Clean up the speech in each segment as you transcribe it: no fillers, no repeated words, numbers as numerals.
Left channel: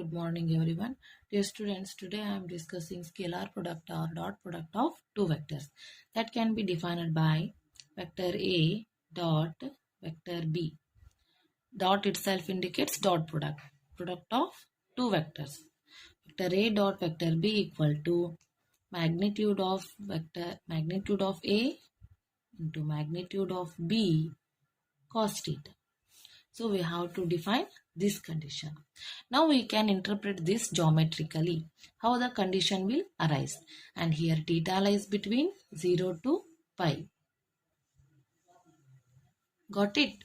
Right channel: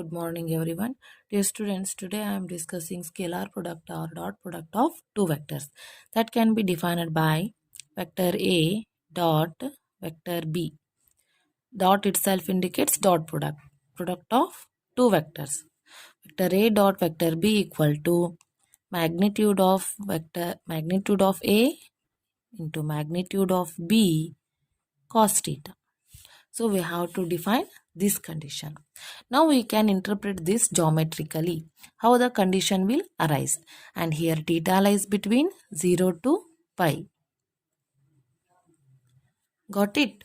Good morning, everyone. Dear students, today I am discussing scalar product or dot product of two vectors that can be defined by vector A dot vector B. Dot itself indicates dot product of two vectors. Vector A dot vector B equal to magnitude of A into magnitude of B cos theta. So we have to define this condition. Now we can interpret this geometrically, how the condition will arise. And here theta lies between 0 to pi. Got it?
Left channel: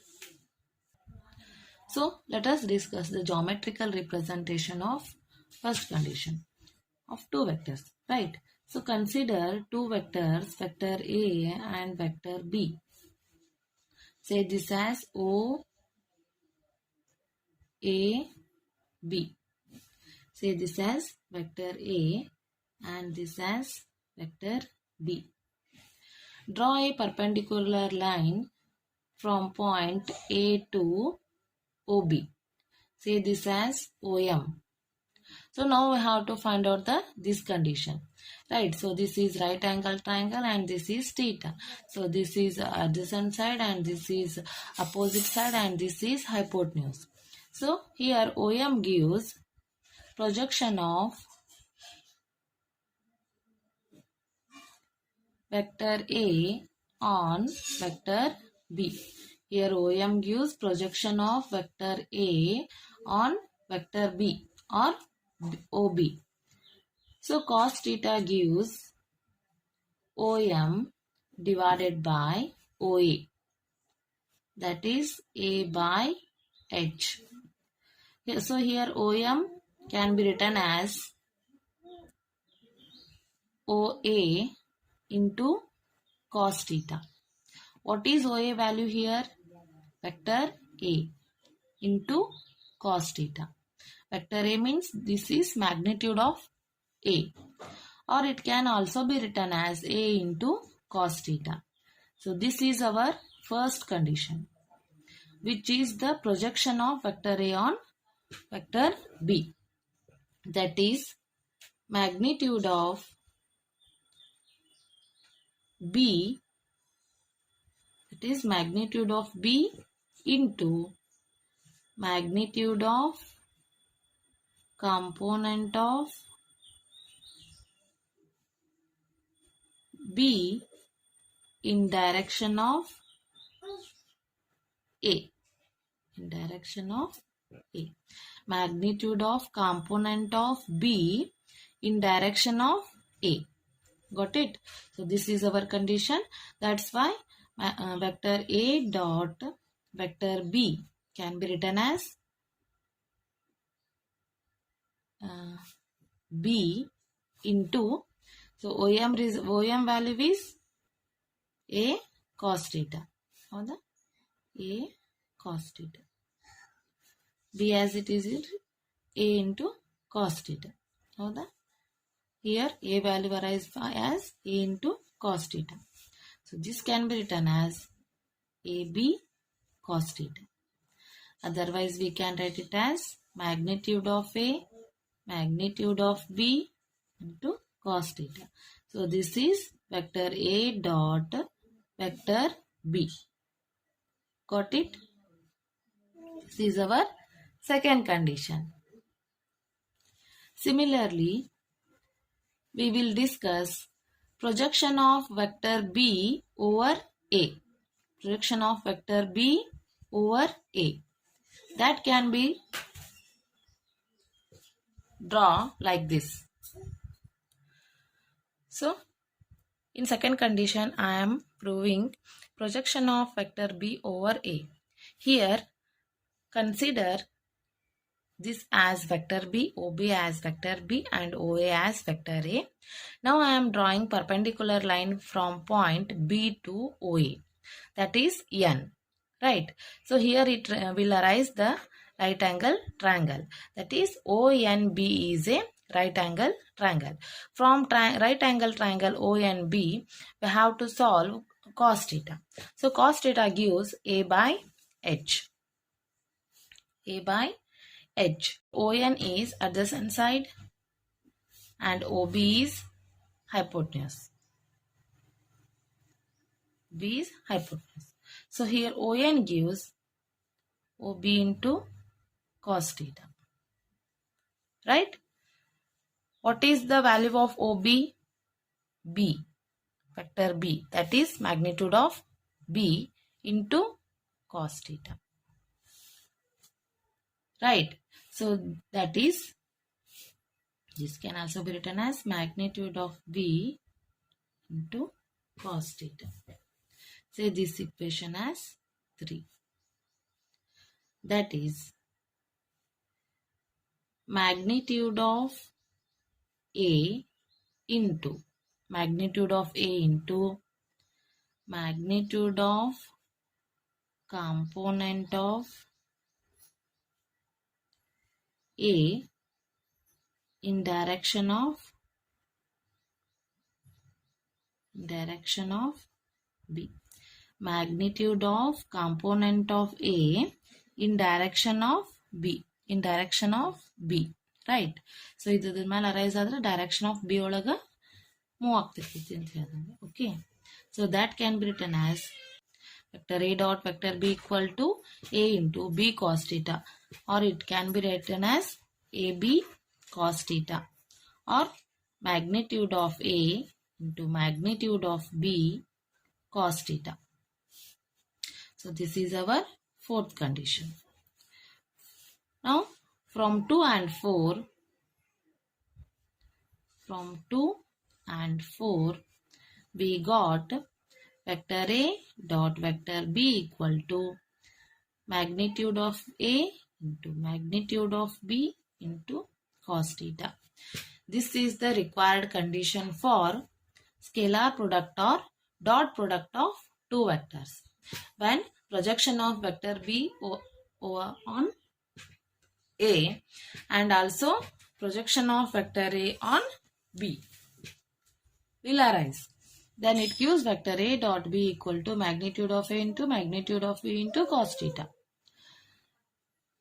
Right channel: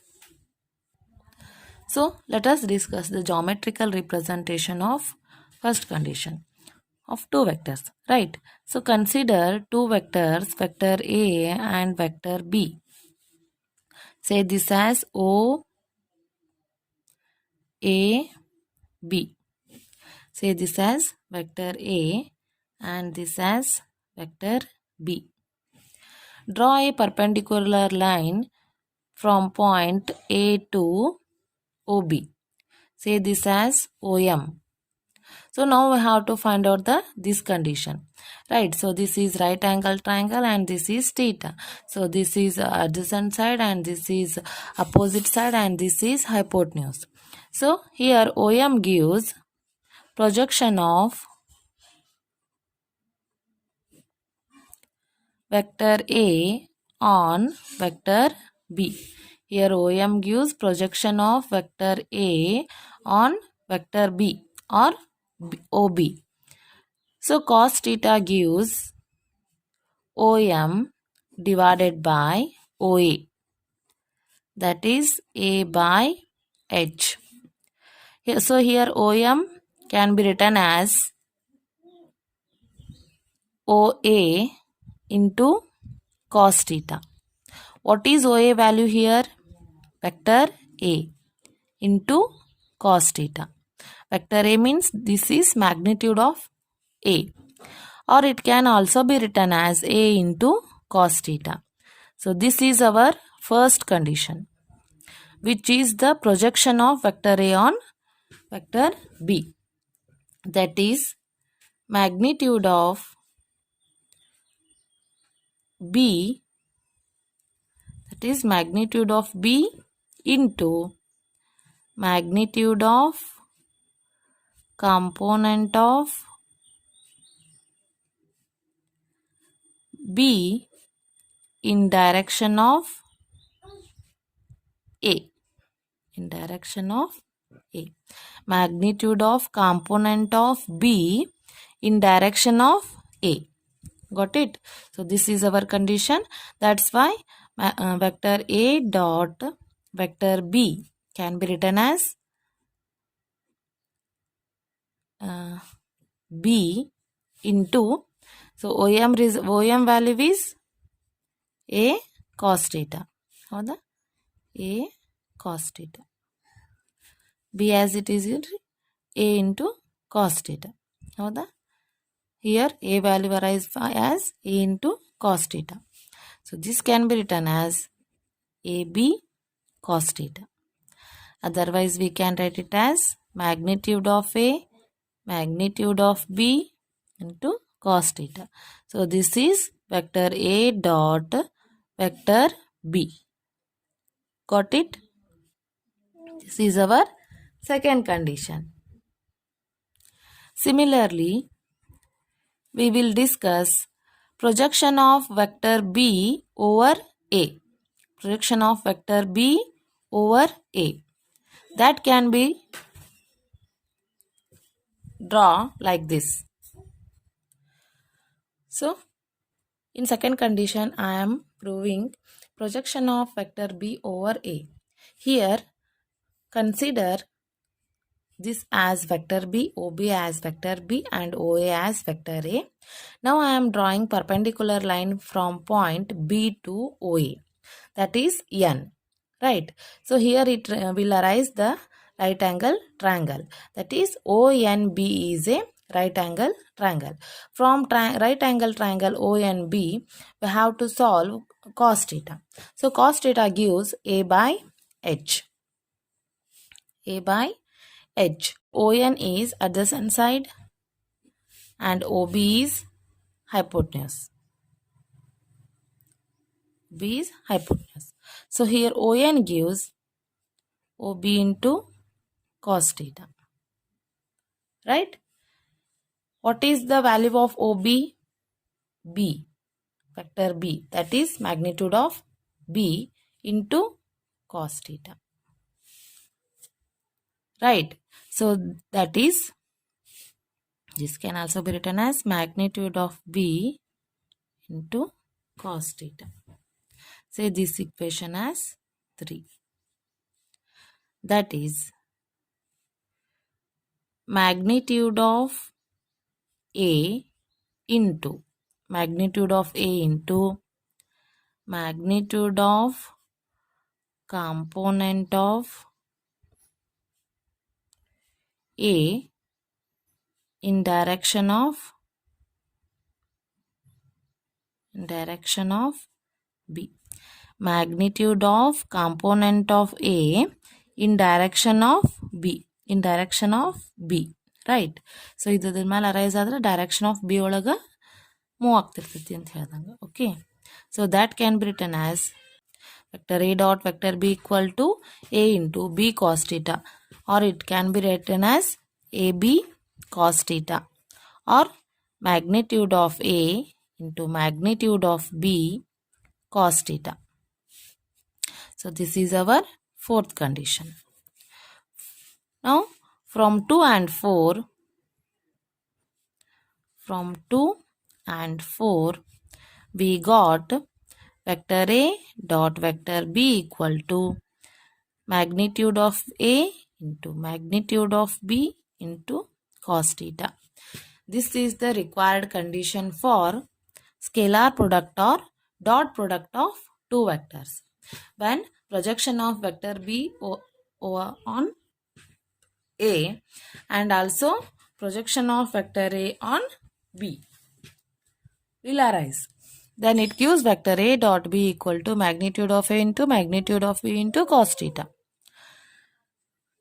So let us discuss the geometrical representation of first condition of two vectors, right? So consider two vectors, vector A and vector B. Say this as O, A, B. Say this as vector A and this as vector B. Draw a perpendicular line from point A to OB. Say this as OM. So now we have to find out this condition. Right, so this is right angle triangle and this is theta. So this is adjacent side and this is opposite side and this is hypotenuse. So here OM gives projection of vector A on vector B. Here OM gives projection of vector A on vector B or OB. So cos theta gives OM divided by OA, that is A by H. So here OM can be written as OA into cos theta. What is OA value here? Vector A into cos theta. Vector A means this is magnitude of A, or it can also be written as A into cos theta. So this is our first condition, which is the projection of vector A on vector B. That is magnitude of B, that is magnitude of B into magnitude of component of B in direction of A. In direction of A. Magnitude of component of B in direction of A. Got it? So this is our condition. That's why vector A dot vector B can be written as B into, so OM value is A cos theta. How the A cos theta. B as it is A into cos theta. How the here A value arises as A into cos theta. So this can be written as AB cos theta. Otherwise we can write it as magnitude of A, magnitude of B into cos theta. So this is vector A dot vector B. Got it? This is our second condition. Similarly, we will discuss projection of vector B over A. Projection of vector B over A. That can be drawn like this. So, in second condition, I am proving projection of vector B over A. Here, consider this as vector B, OB as vector B and OA as vector A. Now I am drawing perpendicular line from point B to OA, that is N, right? So here it will arise the right angle triangle, that is ONB is a right angle triangle. From right angle triangle ONB, we have to solve cos theta. So cos theta gives A by H. A by edge. ON is adjacent side and OB is hypotenuse. B is hypotenuse. So here ON gives OB into cos theta. Right? What is the value of OB? B. Vector B. That is magnitude of B into cos theta. Right? So that is, this can also be written as magnitude of B into cos theta. Say this equation as 3. That is magnitude of A into magnitude of A into magnitude of component of A in direction of B. Magnitude of component of A in direction of B. In direction of B. Right? So ಇದ್ರ ಮೇಲೆ arise ಆದ್ರೆ direction of B ಒಳಗ move ಆಗ್ತಿರ್ತೈತಿ ಅಂತ ಹೇಳ್ದಂಗೆ. Okay, so that can be return as vector A dot vector B equal to A into B cos theta, or it can be written as AB cos theta, or magnitude of A into magnitude of B cos theta. So this is our fourth condition. Now from 2 and 4 we got vector A dot vector B equal to magnitude of A into magnitude of B into cos theta. This is the required condition for scalar product or dot product of two vectors when projection of vector B on A and also projection of vector A on B will arise. Then it gives vector A dot B equal to magnitude of A into magnitude of B into cos theta.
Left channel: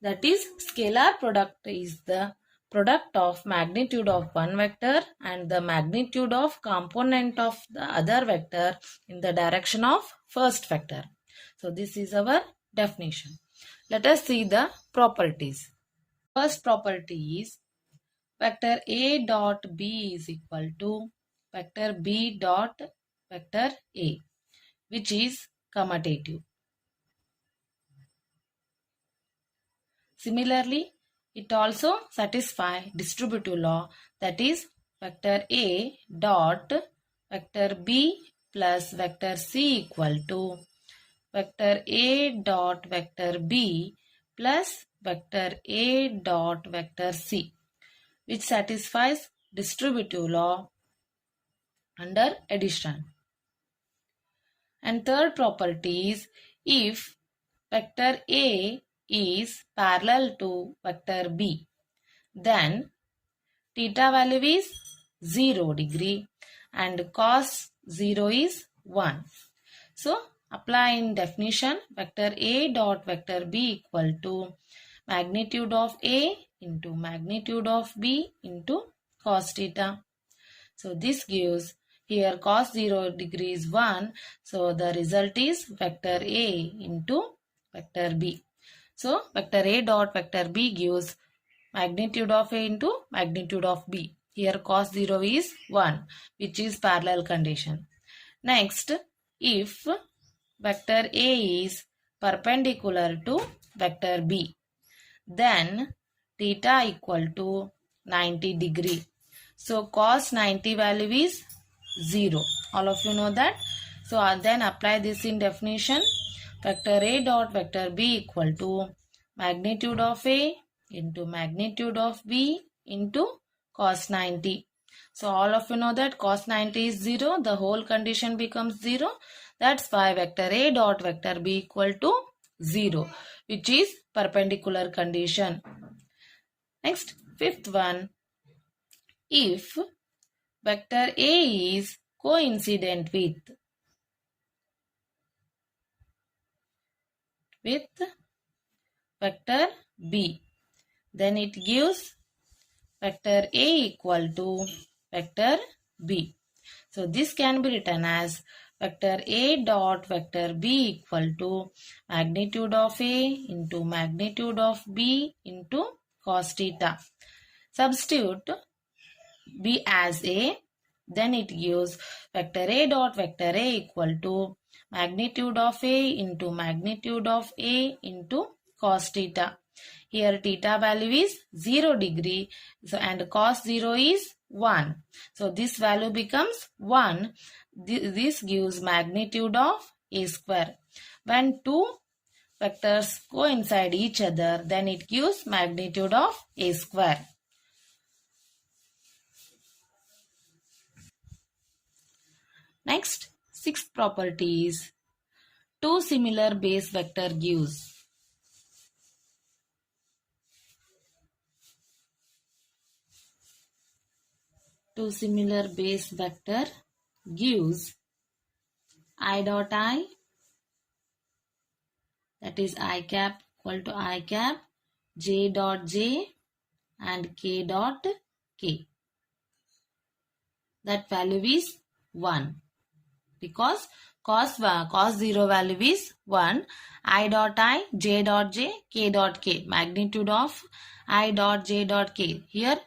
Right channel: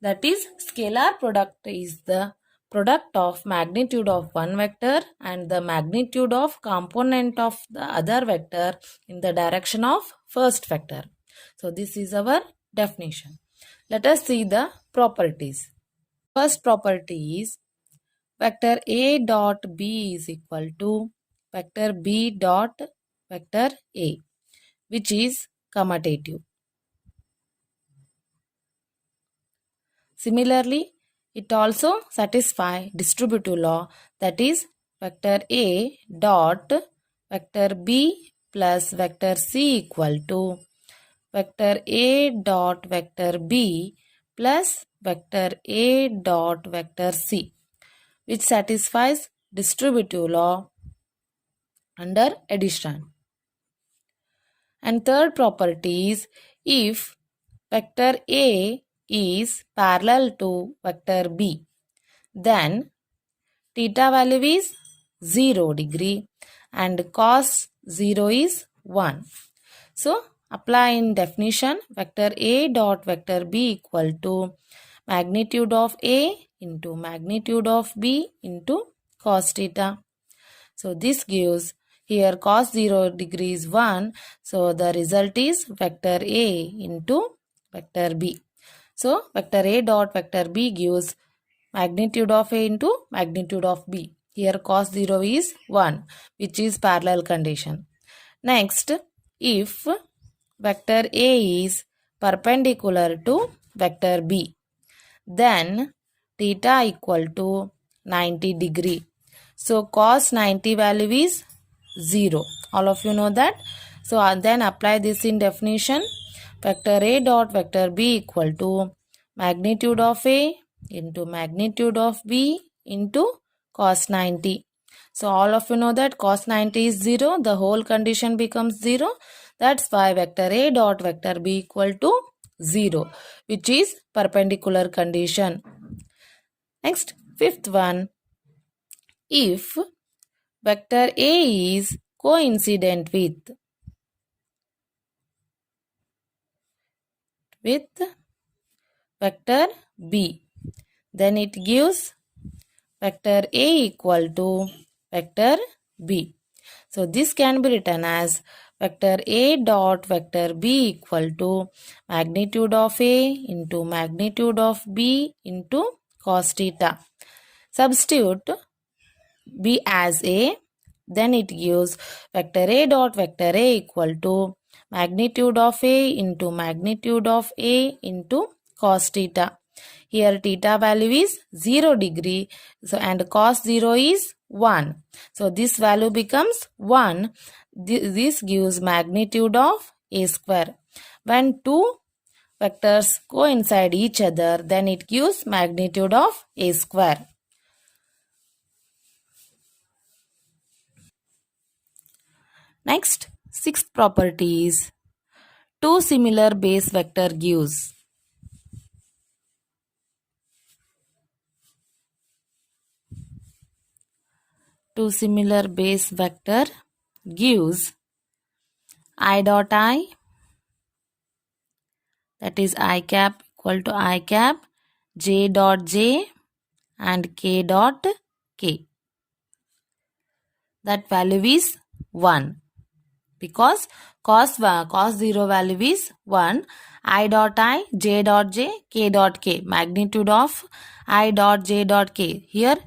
That is, scalar product is the product of magnitude of one vector and the magnitude of component of the other vector in the direction of first vector. So this is our definition. Let us see the properties. First property is vector A dot B is equal to vector B dot vector A, which is commutative. Similarly, it also satisfies distributive law, that is vector A dot vector B plus vector C equal to vector A dot vector B plus vector A dot vector C, which satisfies distributive law under addition. And third property is if vector A is parallel to vector B, then theta value is 0 degree and cos 0 is 1. So apply in definition, vector A dot vector B equal to magnitude of A into magnitude of B into cos theta. So this gives here cos 0 degree is 1. So the result is vector A into vector B. So vector A dot vector B gives magnitude of A into magnitude of B. Here cos 0 is 1, which is parallel condition. Next, if vector A is perpendicular to vector B, then theta equal to 90 degree. So cos 90 value is 0. All of you know that. So then apply this in definition. Vector A dot vector B equal to magnitude of A into magnitude of B into cos 90. So all of you know that cos 90 is 0. The whole condition becomes 0. That's why vector A dot vector B equal to 0, which is perpendicular condition. Next, fifth one. If vector A is coincident with vector B, then it gives vector A equal to vector B. So this can be written as vector A dot vector B equal to magnitude of A into magnitude of B into cos theta. Substitute B as A, then it gives vector A dot vector A equal to magnitude of A into magnitude of A into cos theta. Here theta value is 0 degree, so, and cos 0 is 1. So this value becomes 1. This gives magnitude of A square. When two vectors coincide each other, then it gives magnitude of A square. Next, sixth property is two similar base vector gives. Two similar base vector gives I dot I, that is I cap equal to I cap, j dot j and k dot k. That value is 1 because cos 0 value is 1. I dot I, j dot j, k dot k. Magnitude of I dot j dot k. Here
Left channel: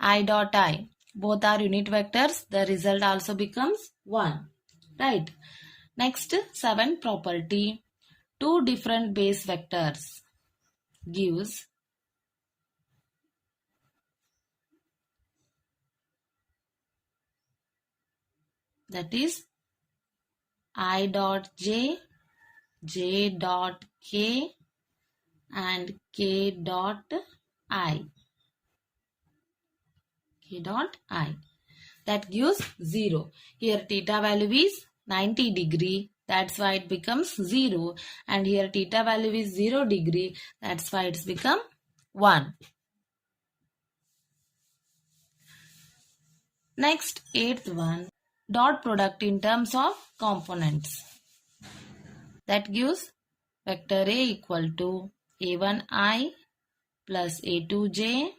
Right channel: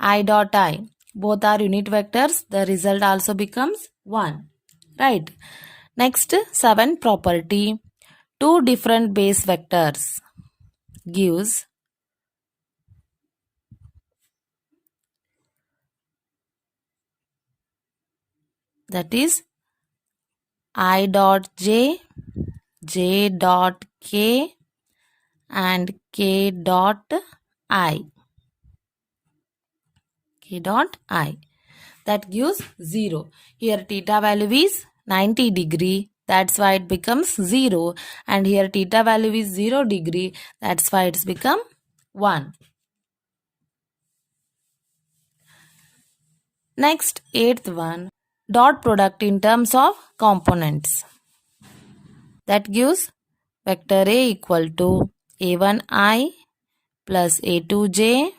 I dot I. Both are unit vectors. The result also becomes 1. Right. Next, 7th property. Two different base vectors gives that is I dot j, j dot k and k dot I. K dot I. That gives 0. Here theta value is 90 degree. That's why it becomes 0. And here theta value is 0 degree. That's why it's become 1. Next, 8th one. Dot product in terms of components. That gives vector A equal to A1I plus A2J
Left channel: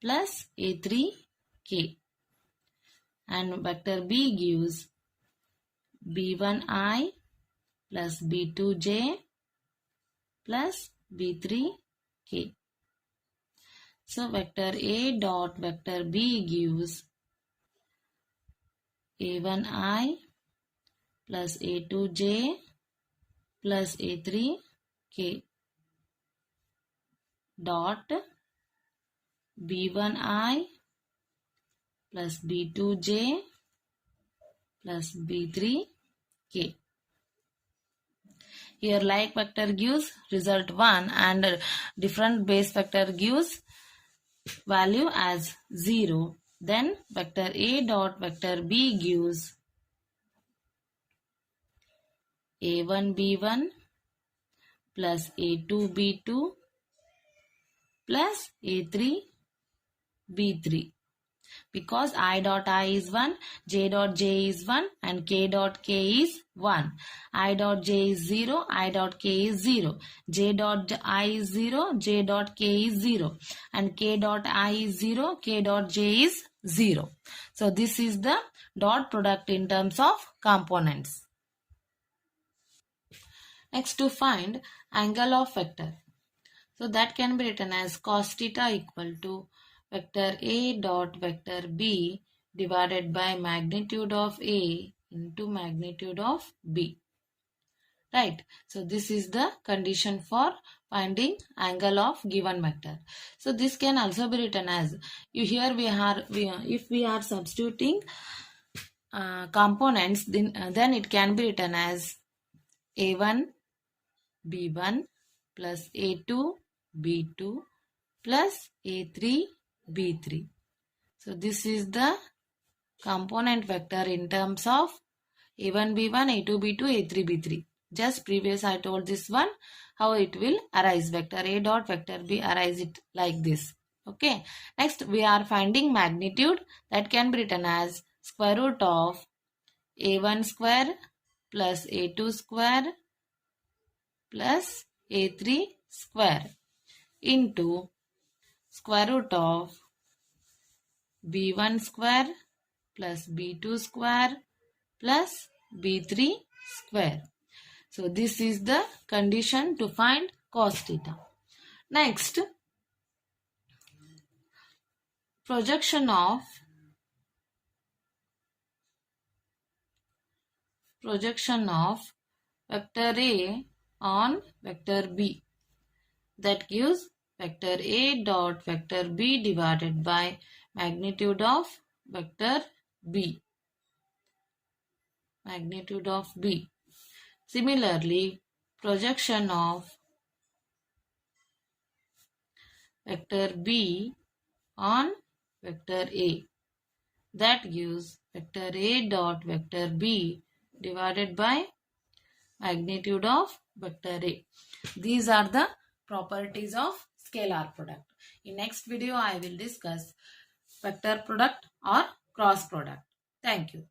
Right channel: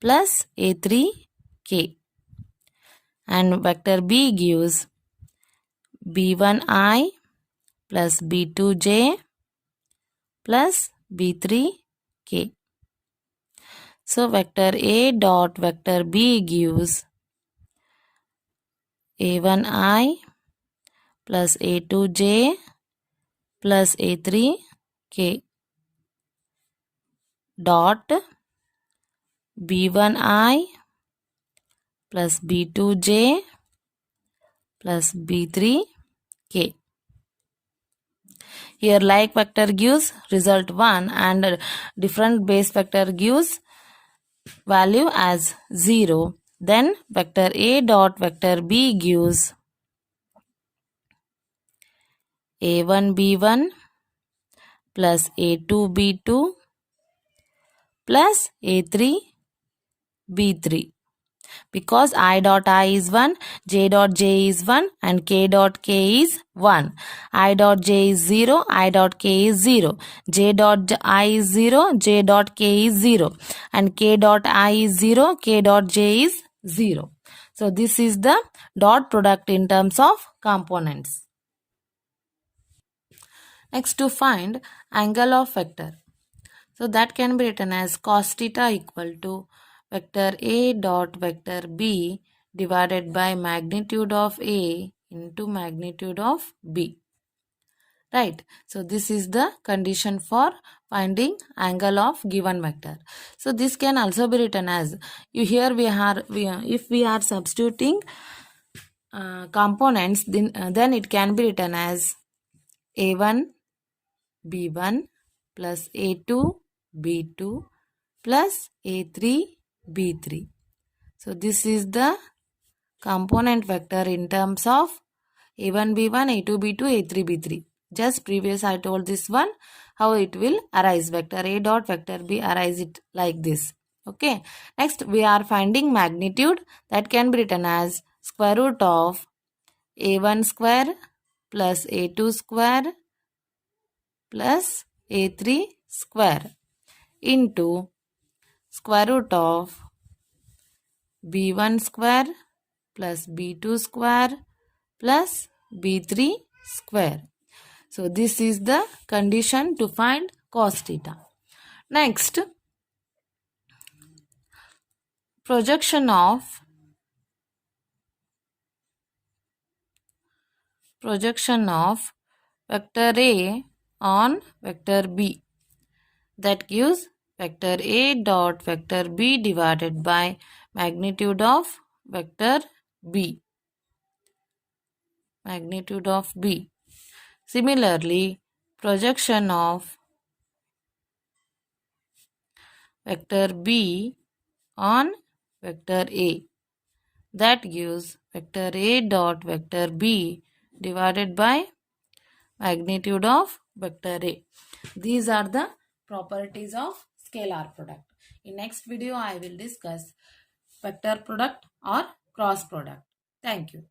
plus A3K. And vector B gives B1I plus B2J plus B3K. So vector A dot vector B gives A1I plus A2J plus A3K dot B1I plus B2J plus B3K. Here like vector gives result 1 and different base vector gives value as 0. Then vector A dot vector B gives A1B1 plus A2B2 plus A3B3. Because I dot I is 1, j dot j is 1 and k dot k is 1. I dot j is 0, I dot k is 0. J dot I is 0, j dot k is 0. And k dot I is 0, k dot j is 0. So this is the dot product in terms of components. Next, to find angle of vector. So that can be written as cos theta equal to vector A dot vector B divided by magnitude of A into magnitude of B. Right. So this is the condition for finding angle of given vector. So this can also be written as, if we are substituting components, then it can be written as A1 B1 plus A2 B2 plus A3 B3. So this is the component vector in terms of A1 B1, A2 B2, A3 B3. Just previous I told this one how it will arise. Vector A dot vector B arise it like this. Okay. Next we are finding magnitude. That can be written as square root of A1 square plus A2 square plus A3 square into square root of b1 square plus b2 square plus b3 square. So this is the condition to find cos theta. Next, projection of vector A on vector B. That gives vector A dot vector B divided by magnitude of vector B. Magnitude of B. Similarly, projection of vector B on vector A. That gives vector A dot vector B divided by magnitude of vector A. These are the properties of scalar product. In next video, I will discuss vector product or cross product. Thank you.